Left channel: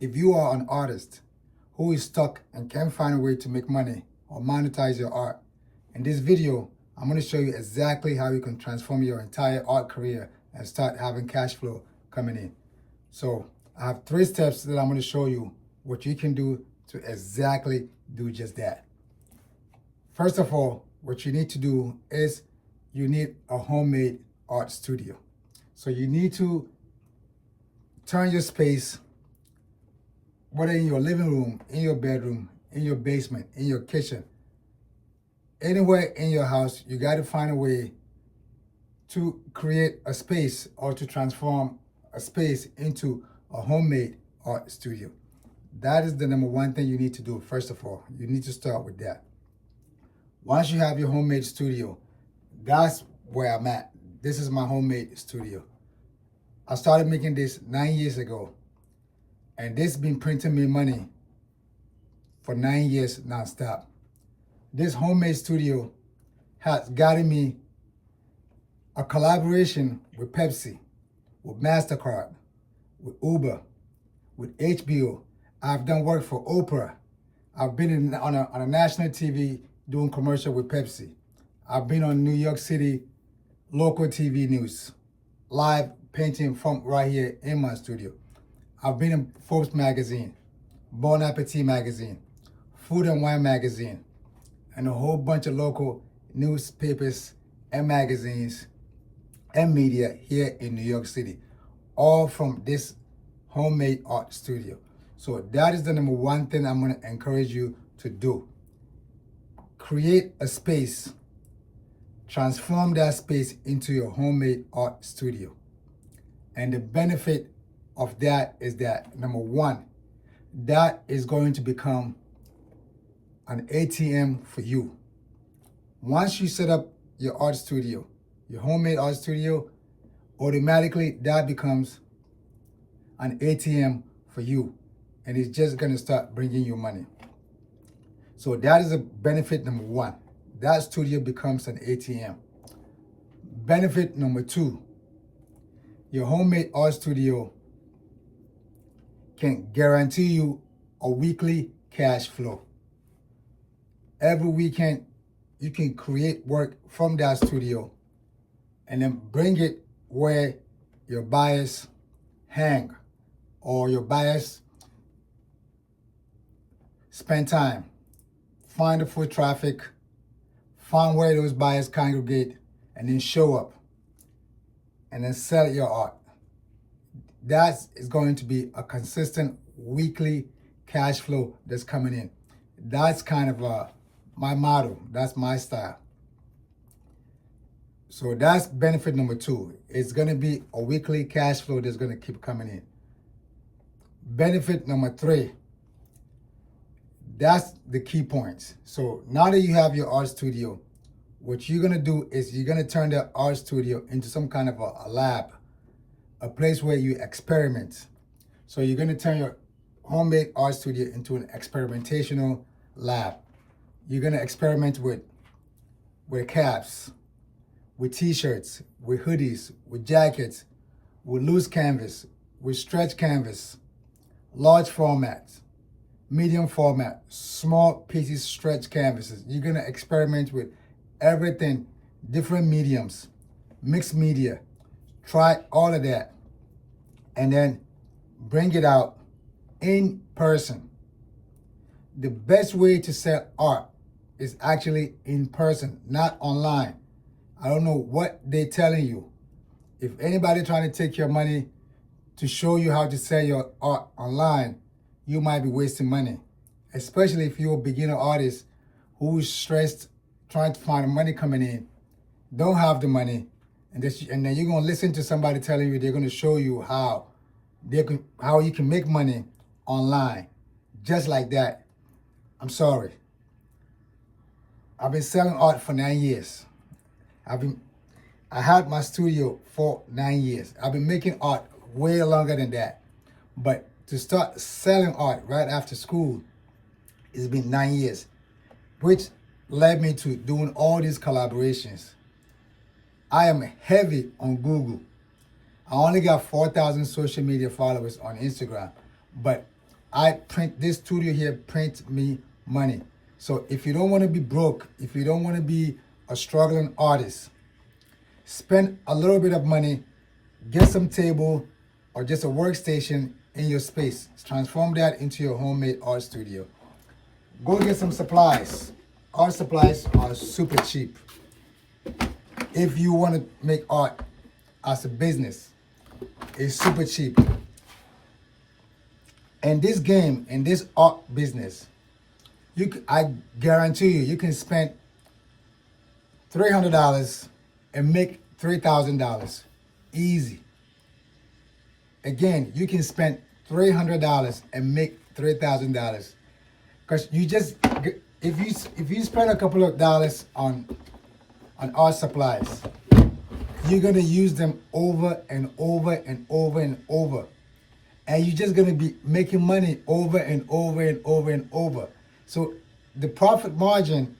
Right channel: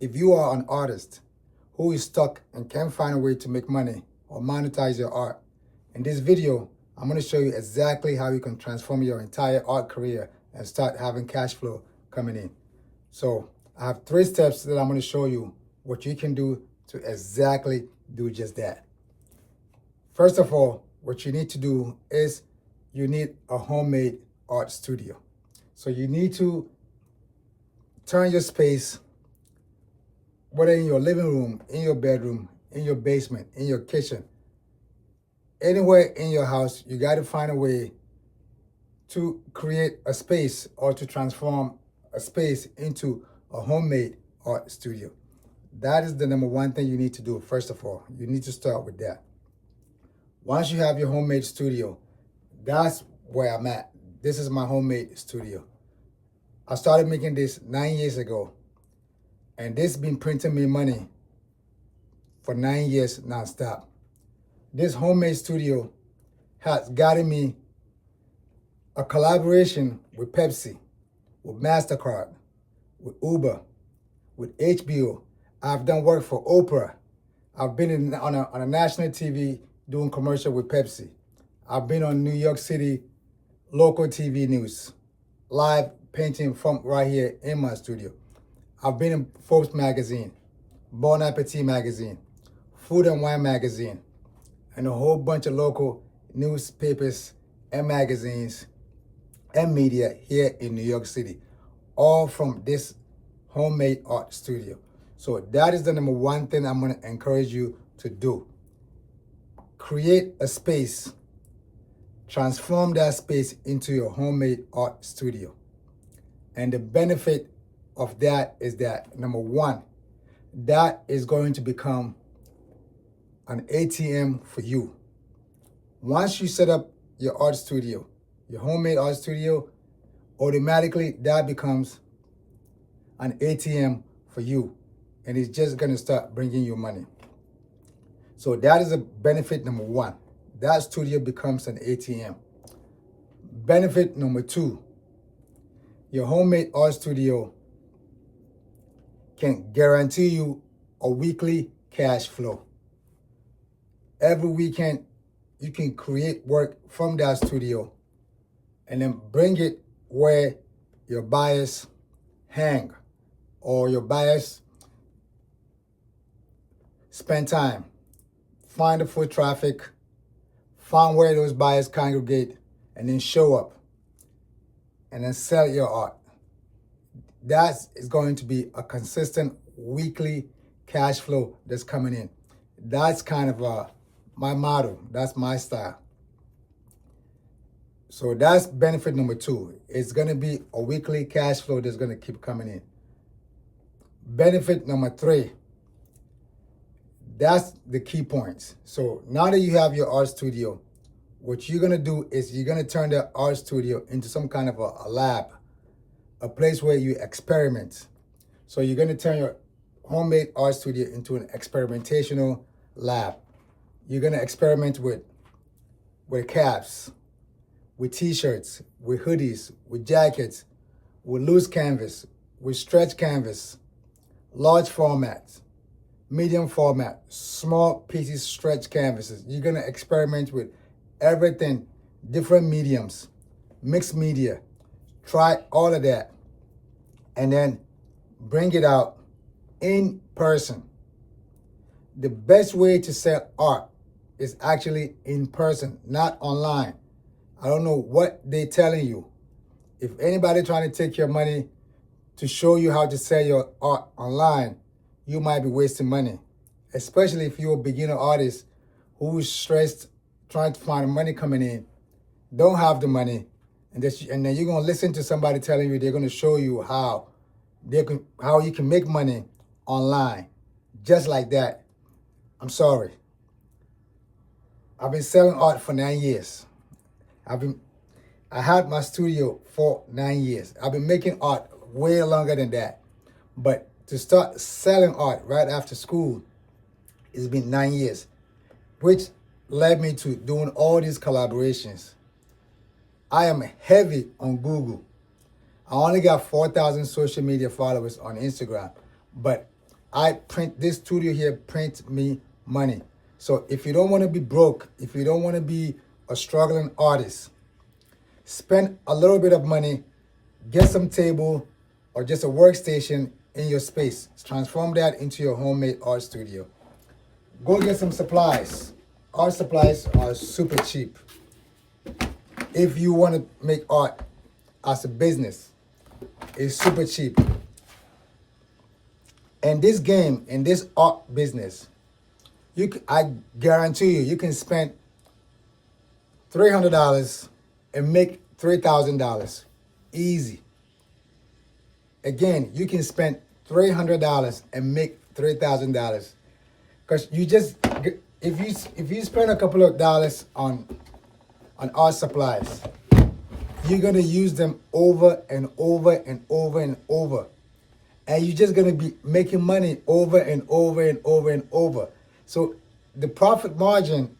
If you are an artist who is stuck and can't find a way to make money or monetize your art, in this video, I'm going to show you exactly how you can transform your entire art career and start having cash flow coming in. So I have 3 steps that I'm going to show you what you can do to exactly do just that. First of all, what you need to do is you need a homemade art studio. So you need to turn your space, whether in your living room, in your bedroom, in your basement, in your kitchen, anywhere in your house, you got to find a way to create a space or to transform a space into a homemade art studio. That is the number 1 thing you need to do. First of all, you need to start with that. Once you have your homemade studio, that's where I'm at. This is my homemade studio. I started making this 9 years ago, and this has been printing me money for 9 years nonstop. This homemade studio has gotten me a collaboration with Pepsi, with MasterCard, with Uber, with HBO. I've done work for Oprah. I've been on a national TV doing commercial with Pepsi. I've been on New York City local TV news, live painting from right here in my studio. I've been in Forbes magazine, Bon Appetit magazine, Food and Wine magazine, and a whole bunch of local newspapers and magazines and media here in New York City, all from this homemade art studio. So that is the number 1 thing I'm going to encourage you to do. Create a space, transform that space into your homemade art studio. And the benefit of that is that, number 1, that is going to become an ATM for you. Once you set up your art studio, your homemade art studio, automatically that becomes an ATM for you. And it's just going to start bringing you money. So that is a benefit number 1. That studio becomes an ATM. Benefit number 2, your homemade art studio can guarantee you a weekly cash flow. Every weekend, you can create work from that studio and then bring it where your buyers hang or your buyers spend time. Find the foot traffic, find where those buyers congregate, and then show up and then sell your art. That is going to be a consistent weekly cash flow that's coming in. That's kind of my motto. That's my style. So that's benefit number 2. It's going to be a weekly cash flow that's going to keep coming in. Benefit number 3, that's the key points. So now that you have your art studio, what you're going to do is you're going to turn that art studio into some kind of a lab, a place where you experiment. So you're going to turn your homemade art studio into an experimentational lab. You're going to experiment with caps, with t-shirts, with hoodies, with jackets, with loose canvas, with stretch canvas, large format, medium format, small pieces, stretch canvases. You're going to experiment with everything, different mediums, mixed media. Try all of that and then bring it out in person. The best way to sell art is actually in person, not online. I don't know what they're telling you. If anybody trying to take your money to show you how to sell your art online, you might be wasting money, especially if you're a beginner artist who's stressed trying to find money coming in, don't have the money, and then you're going to listen to somebody telling you they're going to show you how you can make money online just like that. I'm sorry. I've been selling art for 9 years. I had my studio for 9 years. I've been making art way longer than that. But to start selling art right after school, it's been 9 years, which led me to doing all these collaborations. I am heavy on Google. I only got 4,000 social media followers on Instagram, but This studio here prints me money. So if you don't want to be broke, if you don't want to be a struggling artist, spend a little bit of money, get some table or just a workstation in your space. Transform that into your homemade art studio. Go get some supplies. Art supplies are super cheap. If you want to make art as a business, it's super cheap. In this game, in this art business, I guarantee you can spend $300 and make $3,000 easy. Again, you can spend $300 and make $3,000 because if you spend a couple of dollars on art supplies, you're gonna use them over and over and over and over, and you're just gonna be making money over and over and over and over. So the profit margin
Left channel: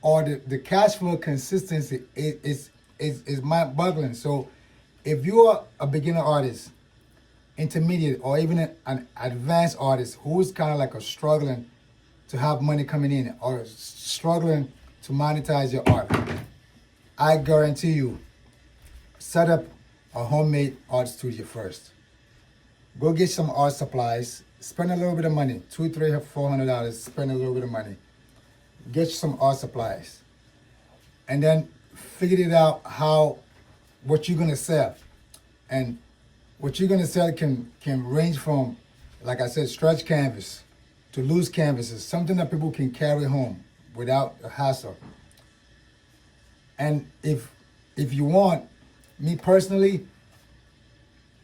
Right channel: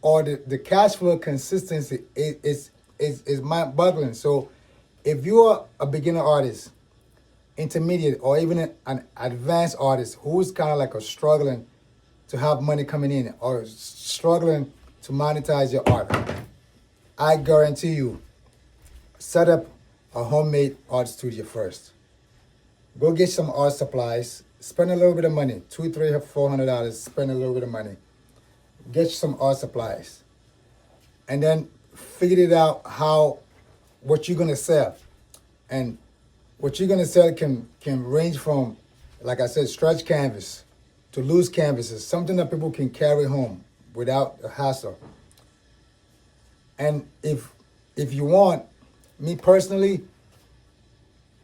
or the cash flow consistency is mind-boggling. So if you are a beginner artist, intermediate, or even an advanced artist who is kind of like struggling to have money coming in or struggling to monetize your art, I guarantee you, set up a homemade art studio first. Go get some art supplies, spend a little bit of money, $200, $300, $400, spend a little bit of money. Get some art supplies. And then figure it out what you're gonna sell. And what you're gonna sell can range from, like I said, stretch canvas to loose canvases, something that people can carry home without a hassle. And if you want, me personally,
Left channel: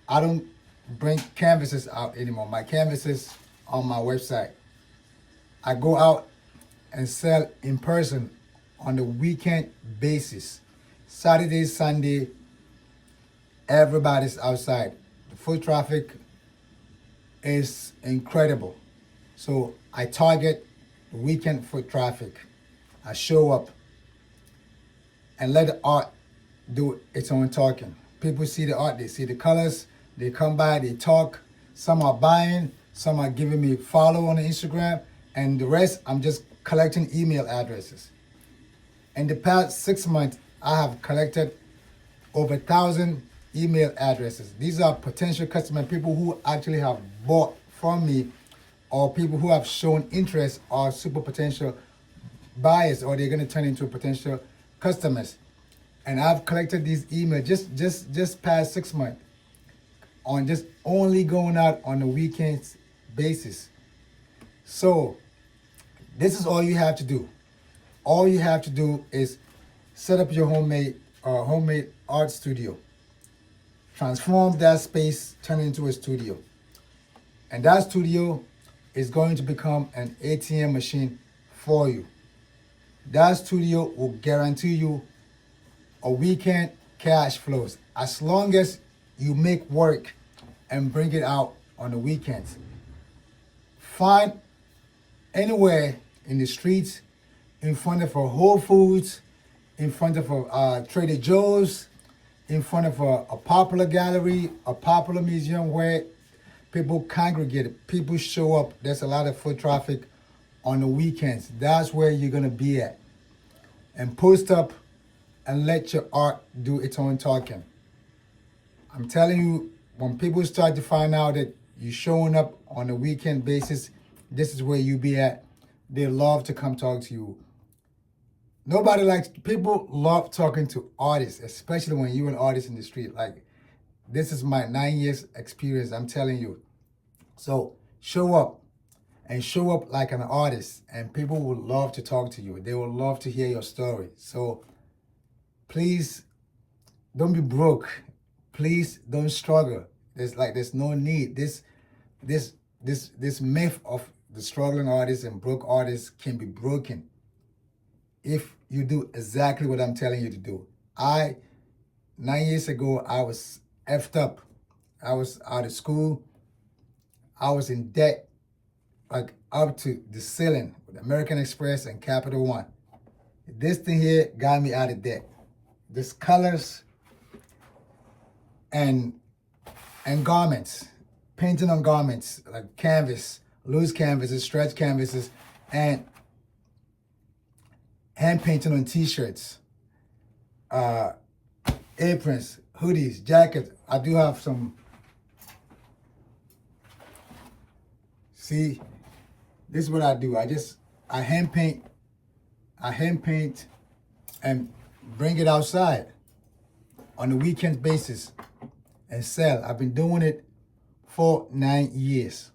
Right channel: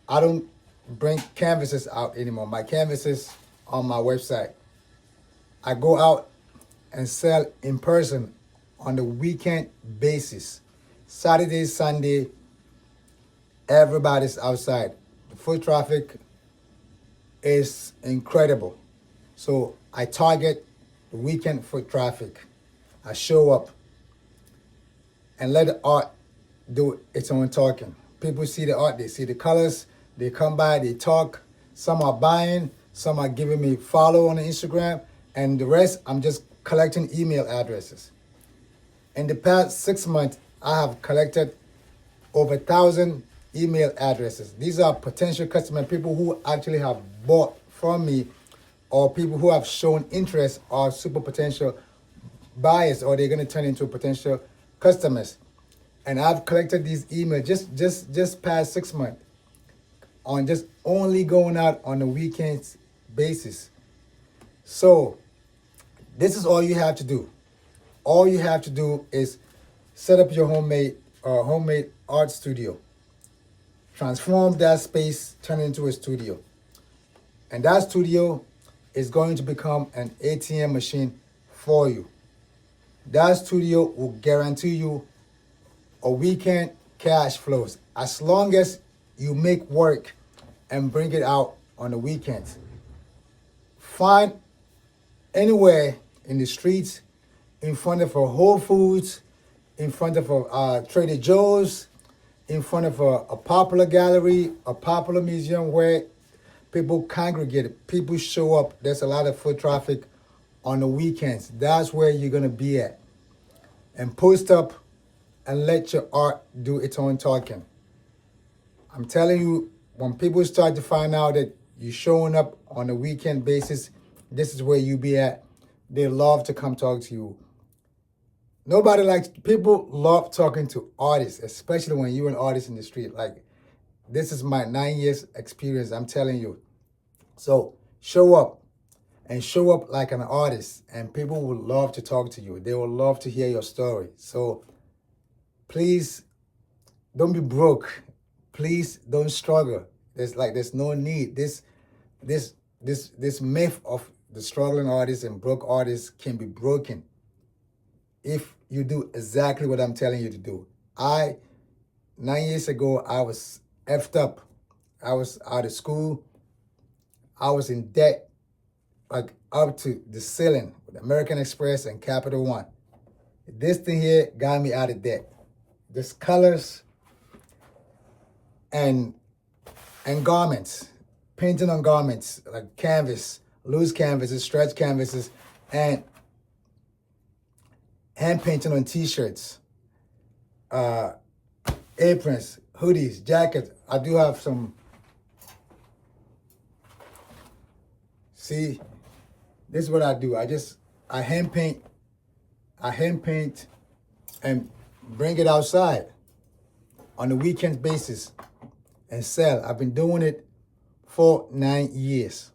I don't bring canvases out anymore. My canvases on my website. I go out and sell in person on the weekend basis. Saturday, Sunday, everybody's outside. The foot traffic is incredible. So I target the weekend foot traffic. I show up and let the art do its own talking. People see the art, they see the colors, they come by, they talk. Some are buying, some are giving me follow on the Instagram, and the rest, I'm just collecting email addresses. In the past 6 months, I have collected over 1,000 email addresses. These are potential customers, people who actually have bought from me, or people who have shown interest or super potential buyers, or they're gonna turn into potential customers. And I've collected these emails just past 6 months on just only going out on the weekends basis. So this is all you have to do. All you have to do is set up your homemade art studio. Transform that space, turn it into a studio. And that studio is going to become an ATM machine for you. That studio will guarantee you a weekend cash flows as long as you make work and bring it out on the weekends. Find anywhere in the streets, in front of a Whole Foods, in front of a Trader Joe's, in front of a popular gallery, a popular museum where people congregate, people show up. There's a lot of foot traffic on the weekends. That's where you're gonna be at. And post up and let your art do its own talking. I'm telling you, when people start to find out that you're showing up on a weekend basis, this is where you be at. They love to come talk to you. People love talking to artists, especially when you're an artist in the street. Like, this is my 9 years experience, I'm telling you. So show up and show up like an artist, and people will love to talk to you. They will love to hear your story. So please don't be broke. Please don't struggle. There's no need. This myth of the struggling artist and broke artists can be broken if you do exactly what I'm telling you to do. 9 years ago, I was effed up. I was out of school. I was in debt, like up to the ceiling with American Express and Capital One. This thing here got me out of debt. This colors and garments, painting on garments, like canvas, loose canvases, stretch canvases, and hand painting on t-shirts, aprons, hoodies, jackets. I do have some. See, this is what I do. I hand paint and bring it outside on a weekend basis and sell. I've been doing it for 9 years.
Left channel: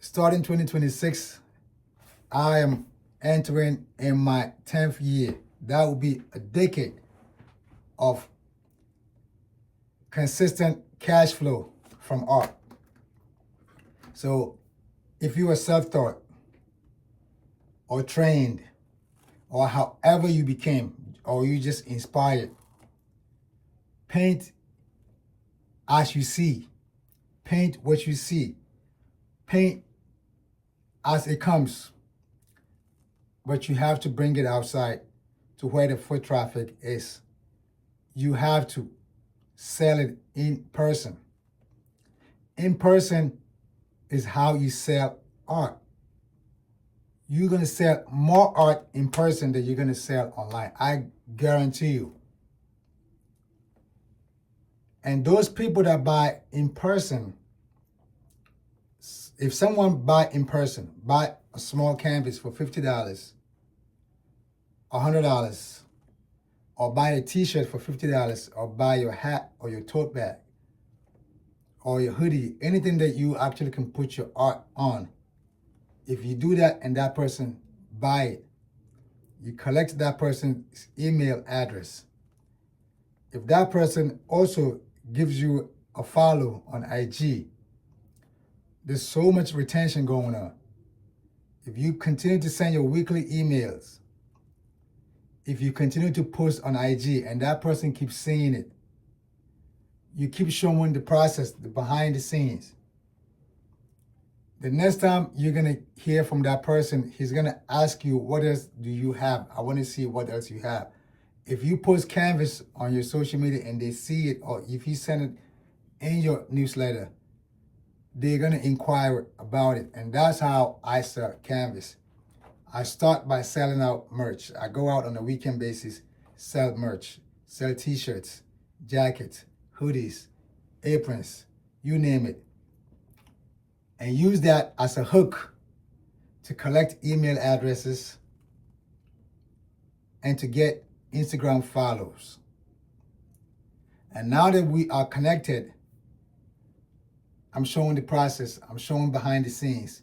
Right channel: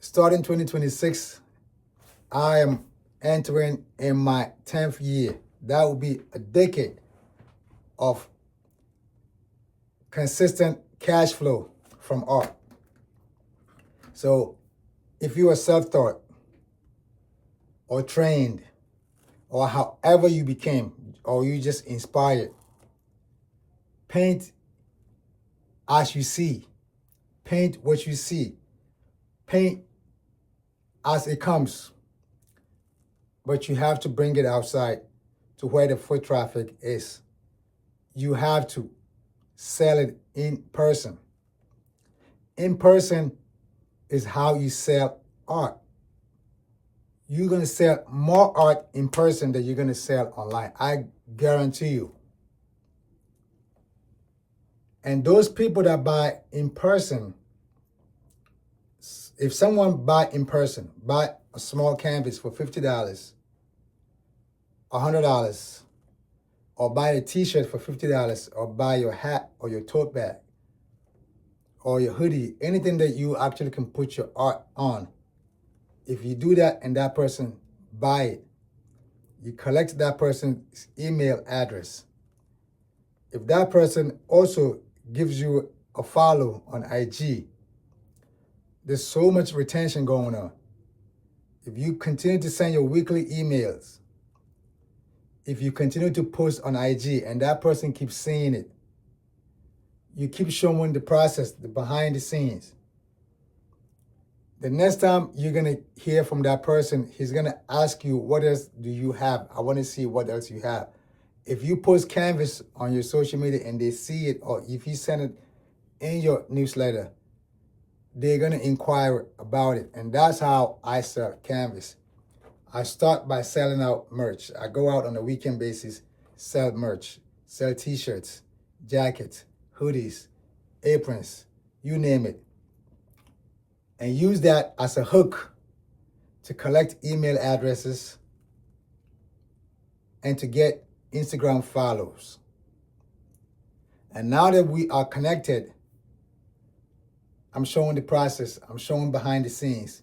Starting 2026, I am entering in my 10th year. That will be a decade of consistent cash flow from art. So if you are self-taught or trained or however you became, or you just inspired, paint as you see. Paint what you see. Paint as it comes. But you have to bring it outside to where the foot traffic is. You have to sell it in person. In person is how you sell art. You're going to sell more art in person than you're going to sell online. I guarantee you. And those people that buy in person, if someone buy in person, buy a small canvas for $50, $100, or buy a t-shirt for $50, or buy your hat or your tote bag or your hoodie, anything that you actually can put your art on. If you do that and that person buy it, you collect that person's email address. If that person also gives you a follow on IG, there's so much retention going on. If you continue to send your weekly emails, if you continue to post on IG and that person keeps seeing it, you keep showing the process, the behind the scenes. The next time you're going to hear from that person, he's going to ask you, what else do you have? I want to see what else you have. If you post canvas on your social media and they see it, or if you send it in your newsletter, they're going to inquire about it. And that's how I sell canvas. I start by selling out merch. I go out on a weekend basis, sell merch, sell t-shirts, jackets, hoodies, aprons, you name it. And use that as a hook to collect email addresses and to get Instagram follows. And now that we are connected, I'm showing the process, I'm showing behind the scenes.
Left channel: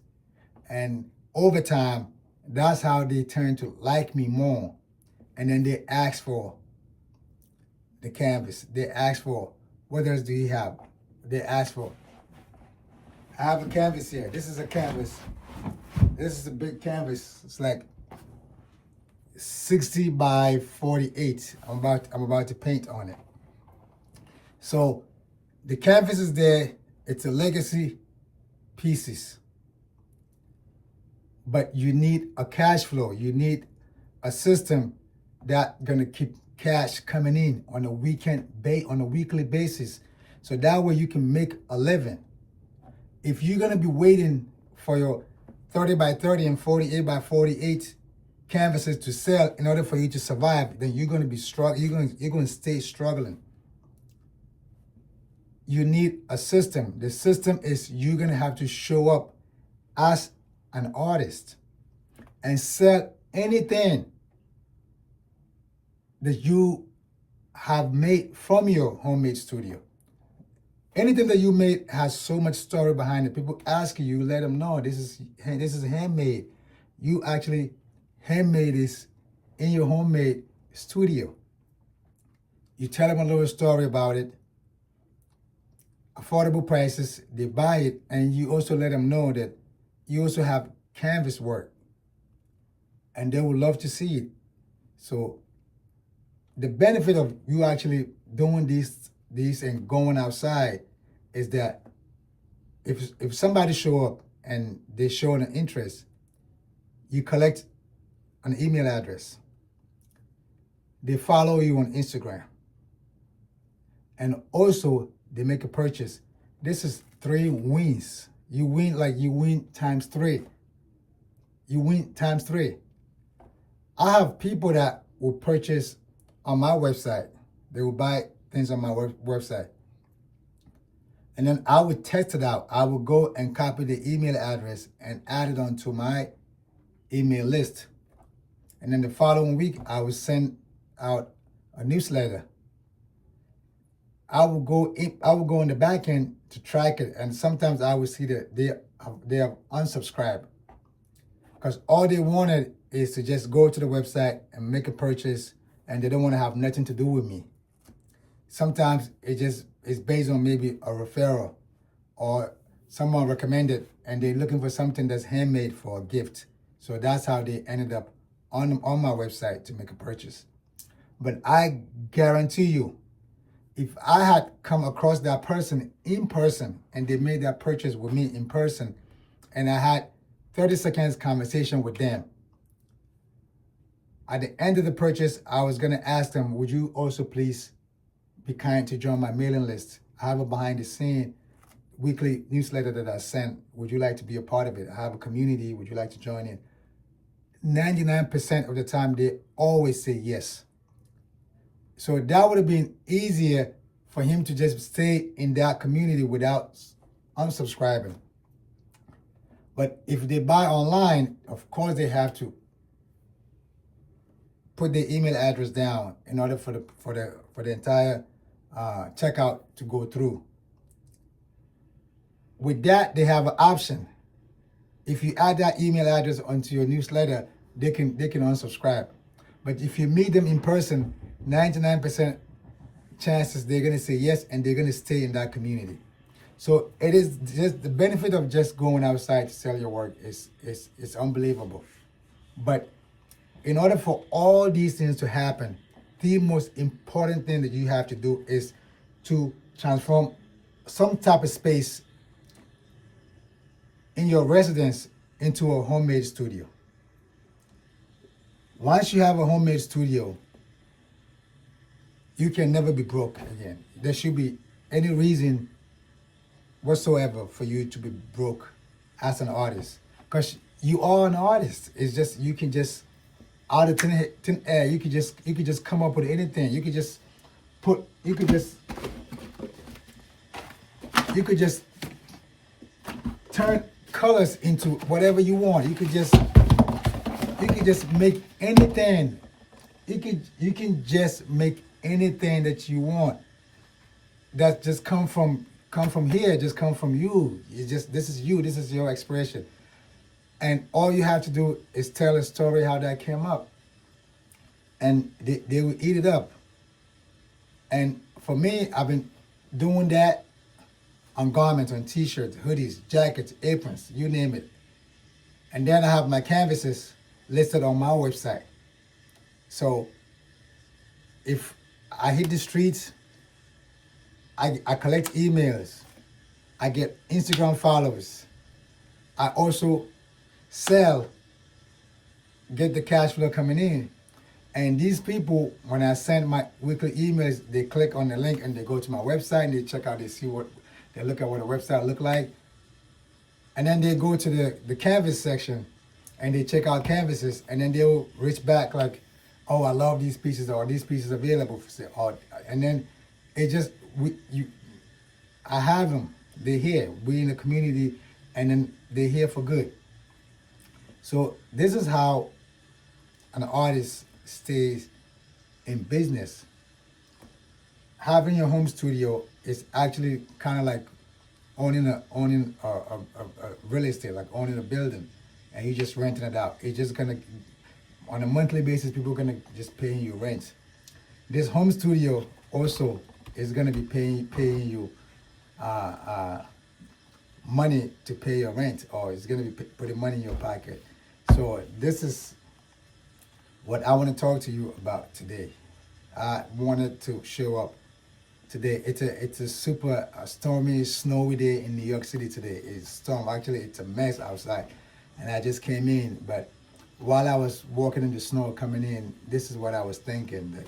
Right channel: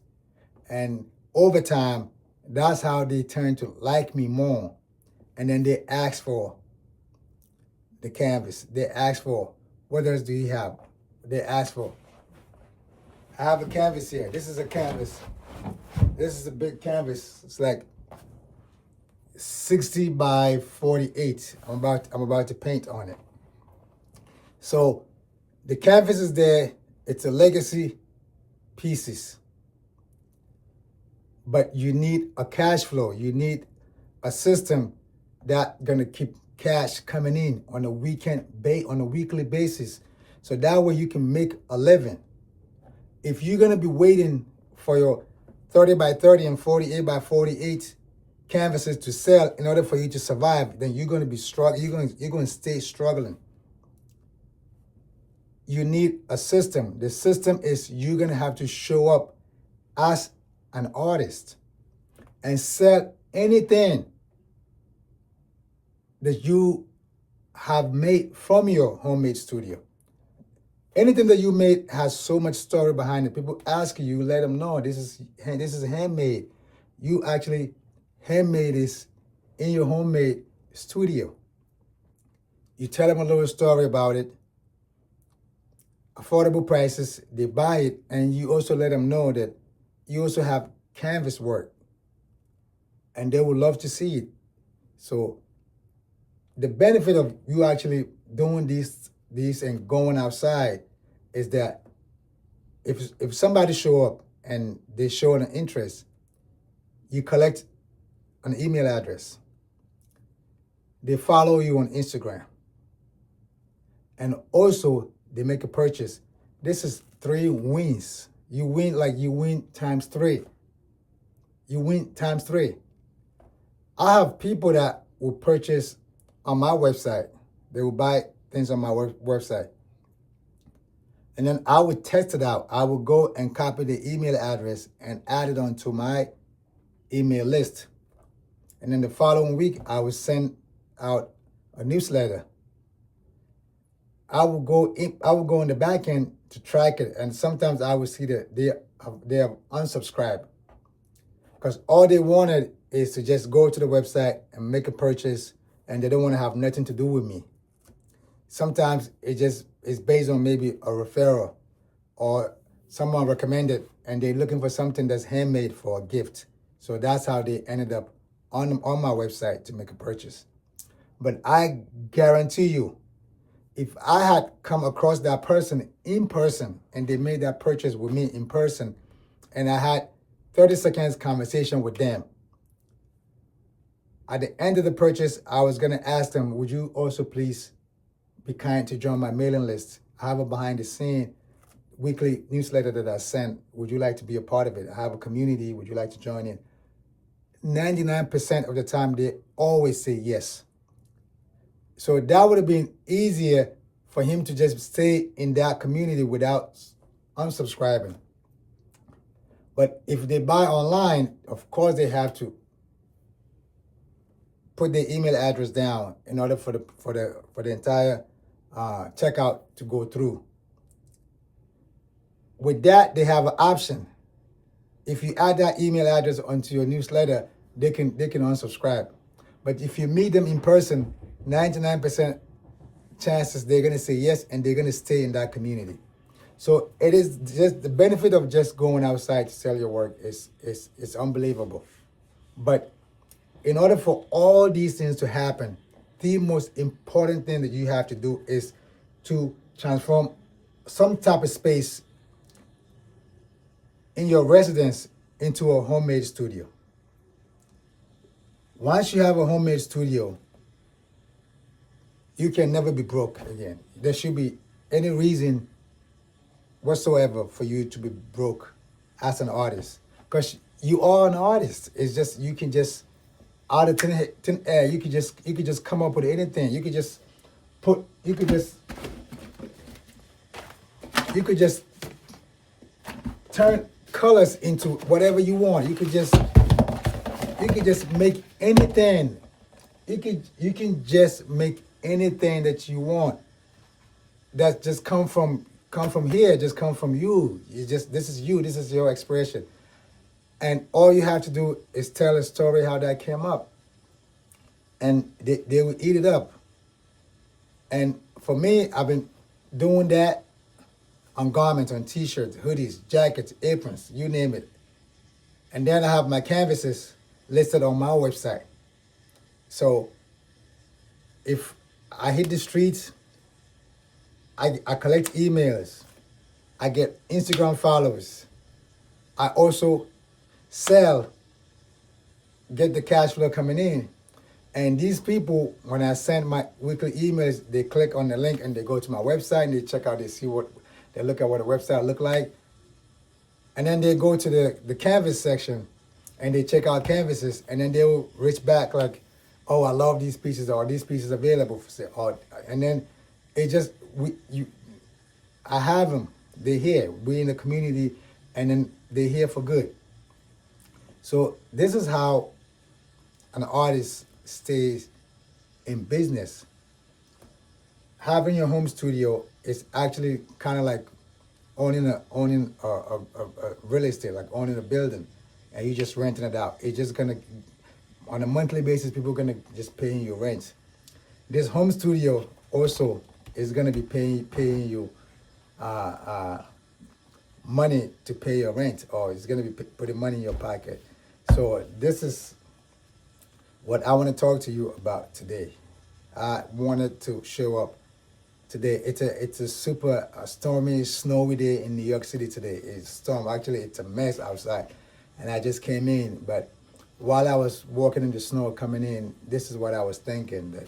And over time, that's how they turn to like me more. And then they ask for the canvas. They ask for, what else do you have? They ask for, I have a canvas here. This is a canvas. This is a big canvas. It's like 60 by 48. I'm about to paint on it. So the canvas is there. It's a legacy pieces. But you need a cash flow. You need a system that's gonna keep cash coming in on a weekly basis. So that way you can make a living. If you're gonna be waiting for your 30 by 30 and 48 by 48 canvases to sell in order for you to survive, then you're gonna be struggling. You're gonna stay struggling. You need a system. The system is you're gonna have to show up as an artist and sell anything that you have made from your homemade studio. Anything that you made has so much story behind it. People ask you, let them know this is handmade. You actually handmade this in your homemade studio. You tell them a little story about it, affordable prices, they buy it, and you also let them know that you also have canvas work, and they would love to see it. So the benefit of you actually doing these and going outside is that if somebody show up and they show an interest, you collect an email address. They follow you on Instagram. And also they make a purchase. This is 3 wins you win times three. You win times three. I have people that will purchase on my website. They will buy things on my website. And then I would test it out. I would go and copy the email address and add it onto my email list. And then the following week, I would send out a newsletter. I would go in the back end to track it, and sometimes I would see that they have unsubscribed, because all they wanted is to just go to the website and make a purchase, and they don't want to have nothing to do with me. Sometimes it's based on maybe a referral or someone recommended, and they're looking for something that's handmade for a gift. So that's how they ended up on my website to make a purchase. But I guarantee you, if I had come across that person in person and they made that purchase with me in person, and I had 30 seconds conversation with them, at the end of the purchase, I was going to ask them, would you also please be kind to join my mailing list? I have a behind the scene weekly newsletter that I send. Would you like to be a part of it? I have a community. Would you like to join in? 99% of the time, they always say yes. So that would have been easier for him to just stay in that community without unsubscribing. But if they buy online, of course they have to put their email address down in order for the entire checkout to go through. With that, they have an option. If you add that email address onto your newsletter, they can unsubscribe. But if you meet them in person, 99% chances they're gonna say yes, and they're gonna stay in that community. So it is just the benefit of just going outside to sell your work is unbelievable. But in order for all these things to happen, the most important thing that you have to do is to transform some type of space in your residence into a homemade studio. Once you have a homemade studio, you can never be broke again. There should be any reason whatsoever for you to be broke as an artist, because you are an artist. It's just, you can just, out of thin air, you could just come up with anything. You could just turn colors into whatever you want. You could just make anything. You can just make anything that you want. That just come from here, just come from you. This is you, this is your expression. And all you have to do is tell a story how that came up. And they will eat it up. And for me, I've been doing that on garments, on t-shirts, hoodies, jackets, aprons, you name it. And then I have my canvases listed on my website. So if I hit the streets, I collect emails, I get Instagram followers, I also sell, get the cash flow coming in. And these people, when I send my weekly emails, they click on the link and they go to my website and they check out, they look at what the website look like. And then they go to the canvas section and they check out canvases, and then they will reach back like, oh, I love these pieces, or these pieces available for sale. And then it just, I have them, they're here, we in the community, and then they're here for good. So this is how an artist stays in business. Having your home studio is actually kind of like owning a real estate, like owning a building, and you just renting it out. It's just gonna, on a monthly basis, people are gonna just paying you rent. This home studio also is gonna be paying you money to pay your rent, or it's gonna be putting money in your pocket. So this is what I want to talk to you about today. I wanted to show up today. It's a super stormy, snowy day in New York City today. It's storm. Actually, it's a mess outside, and I just came in. But while I was walking in the snow coming in, this is what I was thinking, that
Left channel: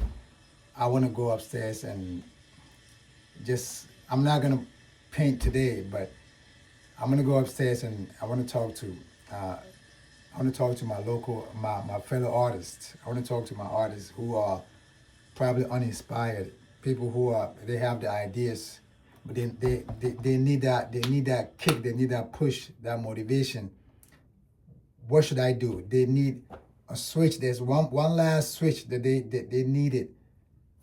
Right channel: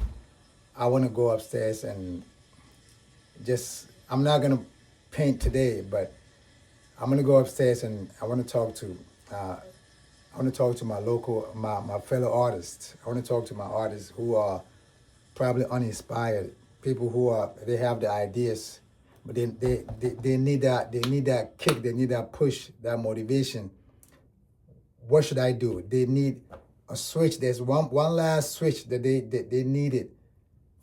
I want to go upstairs and just, I'm not gonna paint today, but I'm gonna go upstairs and I want to talk to my fellow artists. I want to talk to my artists who are probably uninspired, people who they have the ideas, but they need that kick, they need that push, that motivation. What should I do? They need a switch. There's one last switch that they needed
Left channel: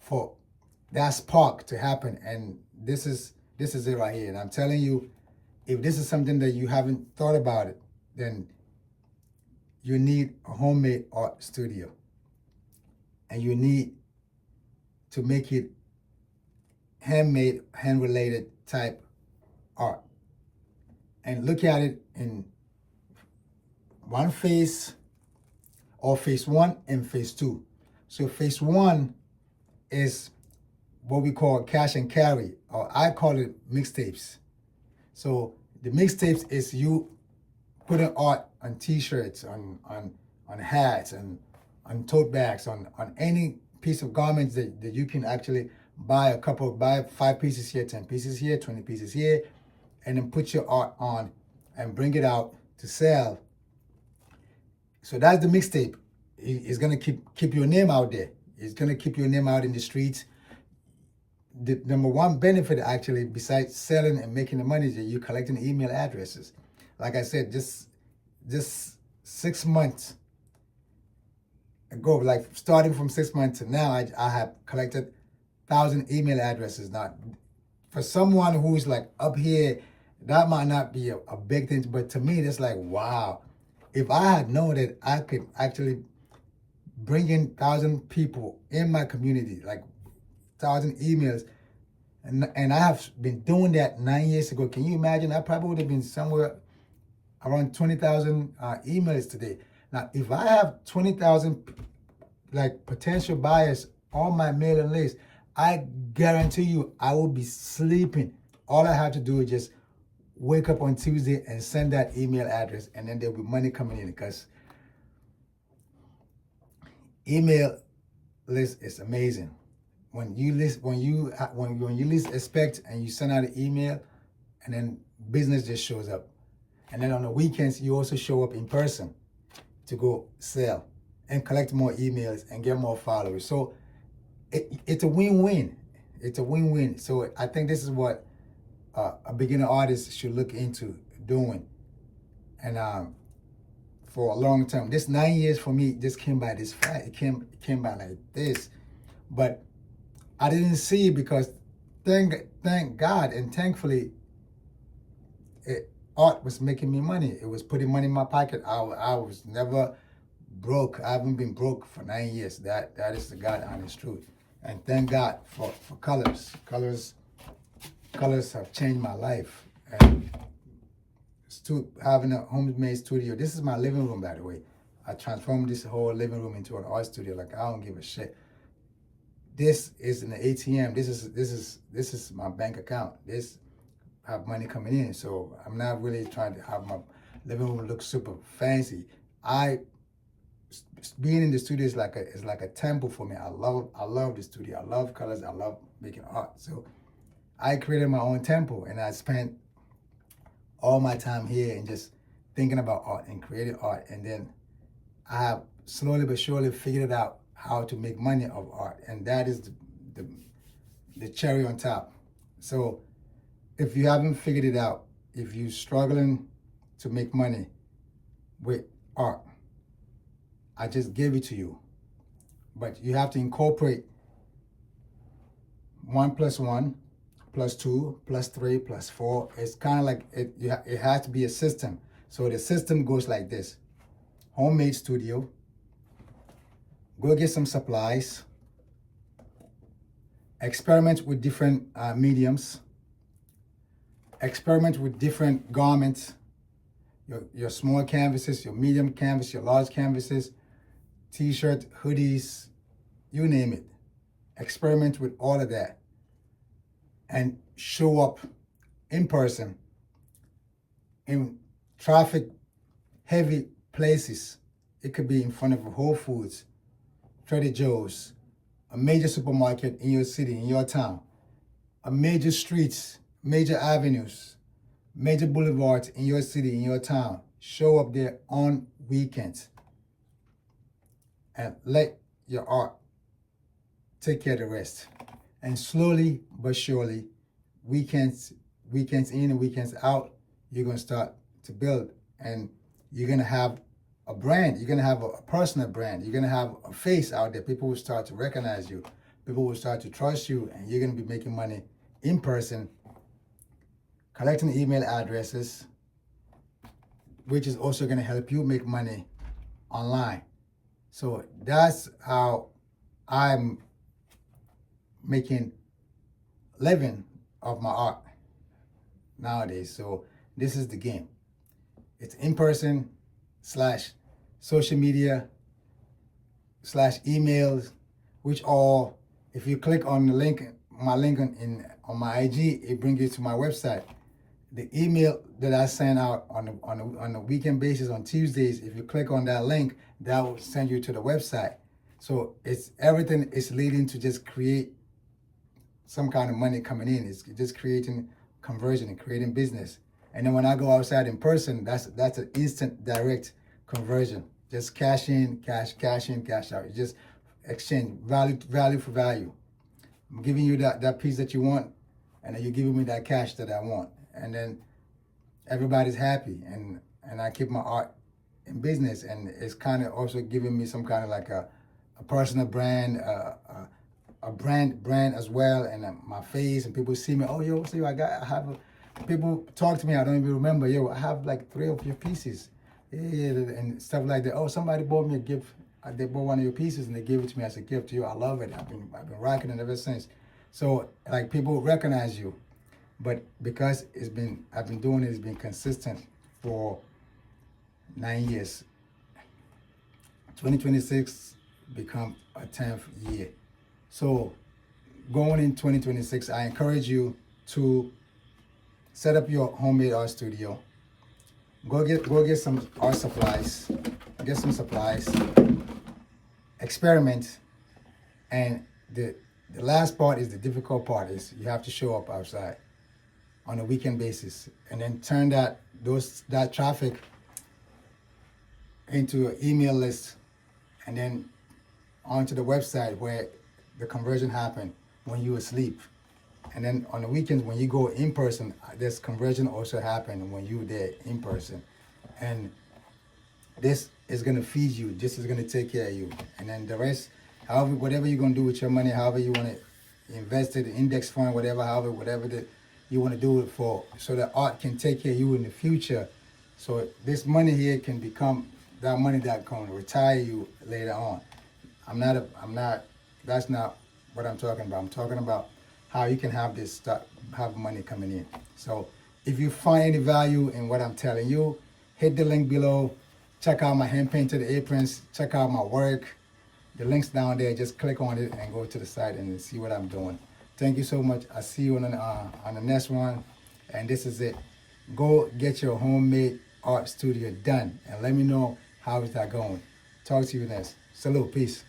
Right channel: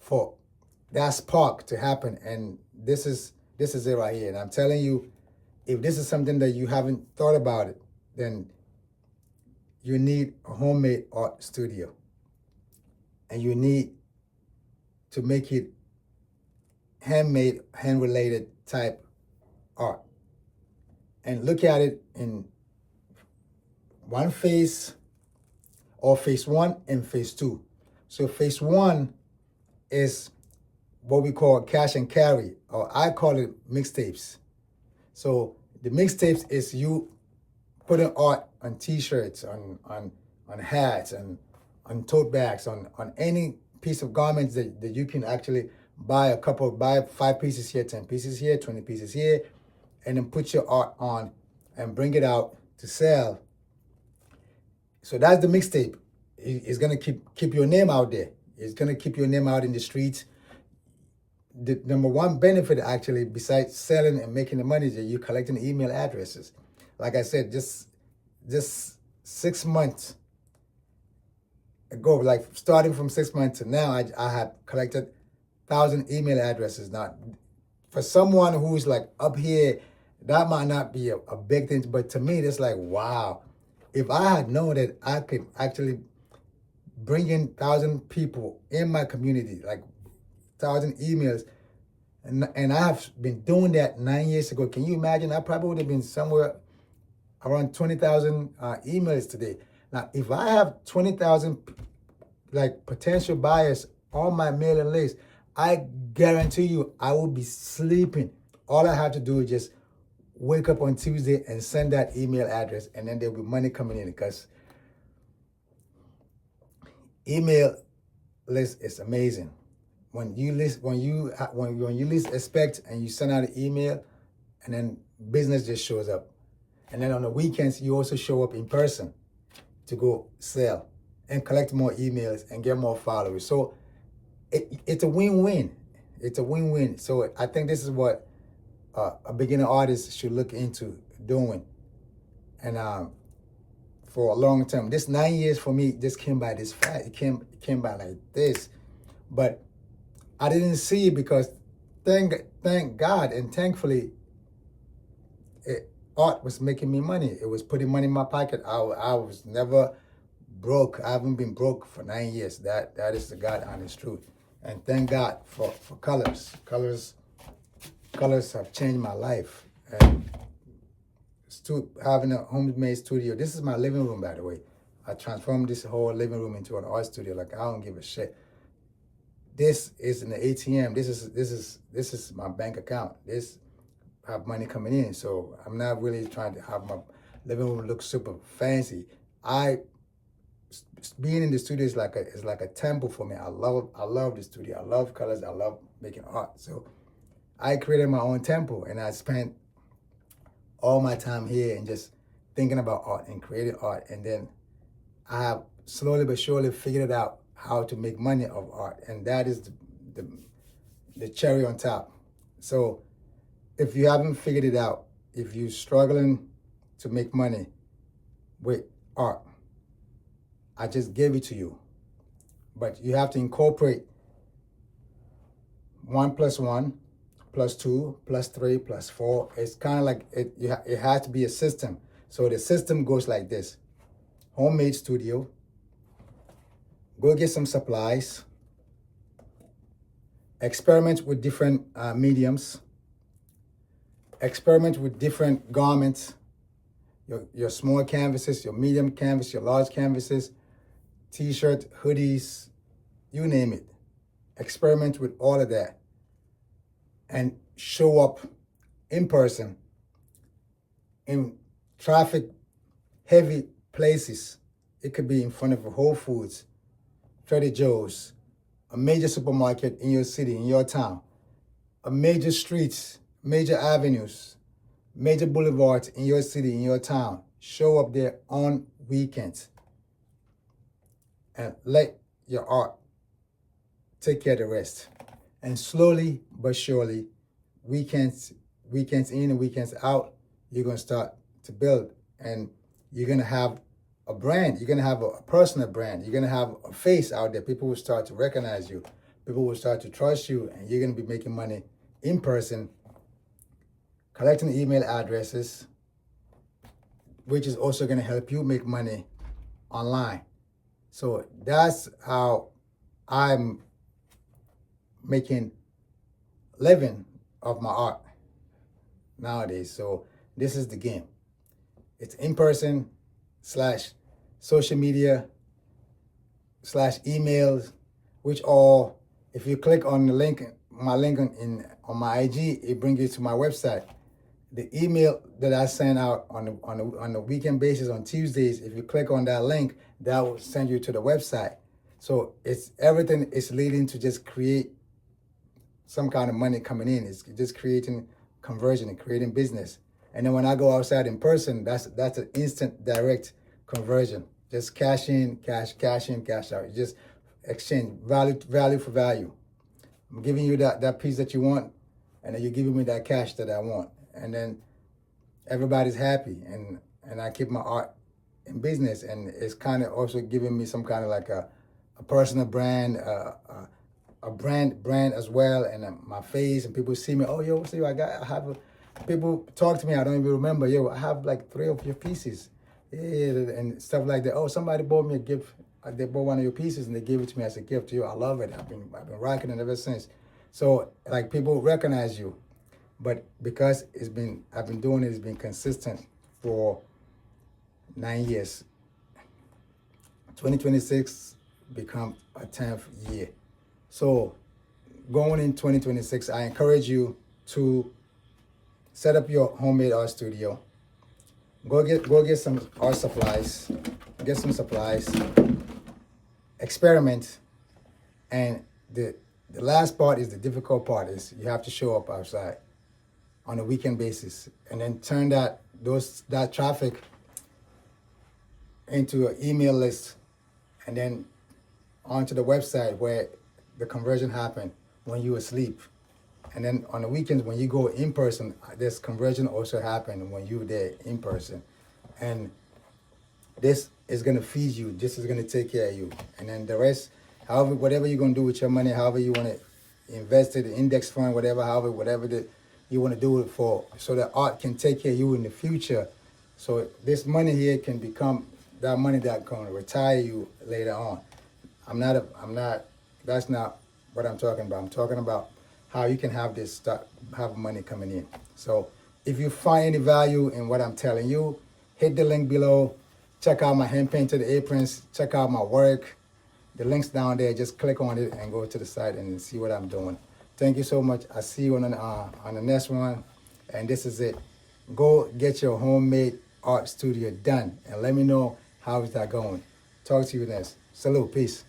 for that spark to happen, and this is it right here. And I'm telling you, if this is something that you haven't thought about it, then you need a homemade art studio, and you need to make it handmade, hand-related type art, and look at it in one phase, or phase 1 and phase 2. So phase 1 is what we call cash and carry, or I call it mixtapes. So the mixtapes is you putting art on t-shirts, on hats, and on tote bags, on any piece of garments that you can actually buy 5 pieces here, 10 pieces here, 20 pieces here, and then put your art on and bring it out to sell. So that's the mixtape. It's gonna keep your name out there. It's gonna keep your name out in the streets. The number one benefit, actually, besides selling and making the money, is that you're collecting email addresses. Like I said, just 6 months ago, like starting from 6 months to now, I have collected 1,000 email addresses. Now, for someone who's like up here, that might not be a big thing, but to me, it's like, wow. If I had known that I could actually bring in 1,000 people in my community, like 1,000 emails, and I have been doing that 9 years ago. Can you imagine? I probably would have been somewhere around 20,000 emails today. Now, if I have 20,000 like potential buyers on my mailing list, I guarantee you I will be sleeping. All I have to do is just wake up on Tuesday and send that email address, and then there'll be money coming in, because email list is amazing. When you least expect and you send out an email, and then business just shows up. And then on the weekends, you also show up in person to go sell and collect more emails and get more followers. So it's a win-win. It's a win-win. So I think this is what a beginner artist should look into doing. And for a long time, this 9 years for me just came by this fast. It came by like this. But I didn't see it, because thank God and thankfully, art was making me money. It was putting money in my pocket. I was never broke. I haven't been broke for 9 years. That is the God honest truth. And thank God for colors. Colors have changed my life. And having a homemade studio. This is my living room, by the way. I transformed this whole living room into an art studio. Like, I don't give a shit. This is an ATM. This is my bank account. This have money coming in. So I'm not really trying to have my living room look super fancy. Being in the studio is like a temple for me. I love the studio. I love colors. I love making art. So I created my own temple, and I spent all my time here and just thinking about art and creating art. And then I have slowly but surely figured out how to make money of art, and that is the cherry on top. So if you haven't figured it out, if you're struggling to make money with art, I just gave it to you. But you have to incorporate 1 + 1 + 2 + 3 + 4. It's kind of like it has to be a system. So the system goes like this: homemade studio, go get some supplies, experiment with different mediums, experiment with different garments, your small canvases, your medium canvas, your large canvases, t-shirt, hoodies, you name it. Experiment with all of that and show up in person in traffic heavy places. It could be in front of a Whole Foods, Trader Joe's, a major supermarket in your city, in your town, a major streets, major avenues, major boulevards in your city, in your town. Show up there on weekends and let your art take care of the rest. And slowly but surely, weekends in and weekends out, you're gonna start to build, and you're gonna have a brand. You're gonna have a personal brand. You're gonna have a face out there. People will start to recognize you. People will start to trust you, and you're gonna be making money in person, collecting email addresses, which is also gonna help you make money online. So that's how I'm making living of my art nowadays. So this is the game. It's in person / social media / emails, which all, if you click on the link, my link on my IG, it brings you to my website. The email that I send out on a weekend basis on Tuesdays, if you click on that link, that will send you to the website. So it's everything is leading to just create some kind of money coming in. It's just creating conversion and creating business. And then when I go outside in person, that's an instant direct conversion. Just cash in, cash in, cash out. You just exchange value for value. I'm giving you that piece that you want, and then you're giving me that cash that I want. And then everybody's happy, and I keep my art in business, and it's kind of also giving me some kind of like a personal brand, a brand as well, and my face, and people see me. Oh, yo, see, people talk to me. I don't even remember. Yo, I have like 3 of your pieces, yeah, and stuff like that. Oh, somebody bought me a gift. They bought one of your pieces and they gave it to me as a gift. Yo, I love it. I've been rocking it ever since. So like people recognize you, but because I've been doing it. It's been consistent for 9 years. 2026 become a 10th year. So going in 2026, I encourage you to set up your homemade art studio. Go get some art supplies. Get some supplies. Experiment. And the last part is the difficult part, is you have to show up outside on a weekend basis, and then turn that traffic into an email list, and then onto the website where the conversion happened when you were asleep. And then on the weekends when you go in person, this conversion also happened when you were there in person. And this is gonna feed you, this is gonna take care of you. And then the rest, however, whatever you're gonna do with your money, however you wanna invest it, index fund, whatever that you wanna do it for, so that art can take care of you in the future. So this money here can become that money that can retire you later on. That's not what I'm talking about. I'm talking about how you can have have money coming in. So if you find any value in what I'm telling you, hit the link below. Check out my hand painted aprons. Check out my work. The link's down there. Just click on it and go to the site and see what I'm doing. Thank you so much. I'll see you on the next one. And this is it. Go get your homemade art studio done and let me know how is that going. Talk to you next. Salute. Peace.